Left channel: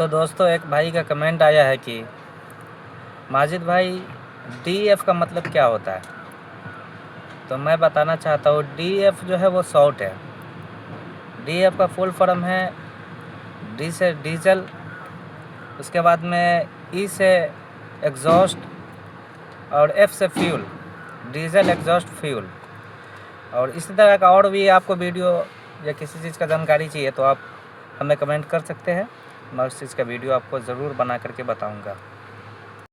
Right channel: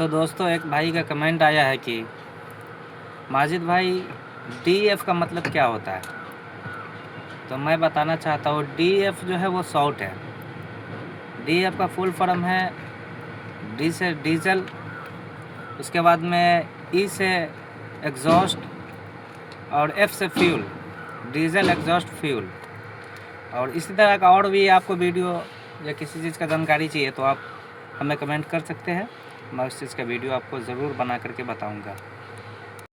तो दोस्तों एक भाई का कमेंट आया है कि माजिद भाई DF का मतलब क्या होता है। तो मैं बताना चाहता हूँ DF जो है वो शॉर्ट है। DF का फुल फॉर्म है D से डीजल, उसके बाद में E से एग्जॉस्ट और F से फ्यूल, डीजल एग्जॉस्ट फ्यूल। और इसी तरह का और भी आपको वीडियो या किसी चीज़ का जानकारी चाहिए तो आप हमें कमेंट कर सकते हैं। मैं उस चीज़ का वीडियो आपको ज़रूर बना करके बताऊंगा।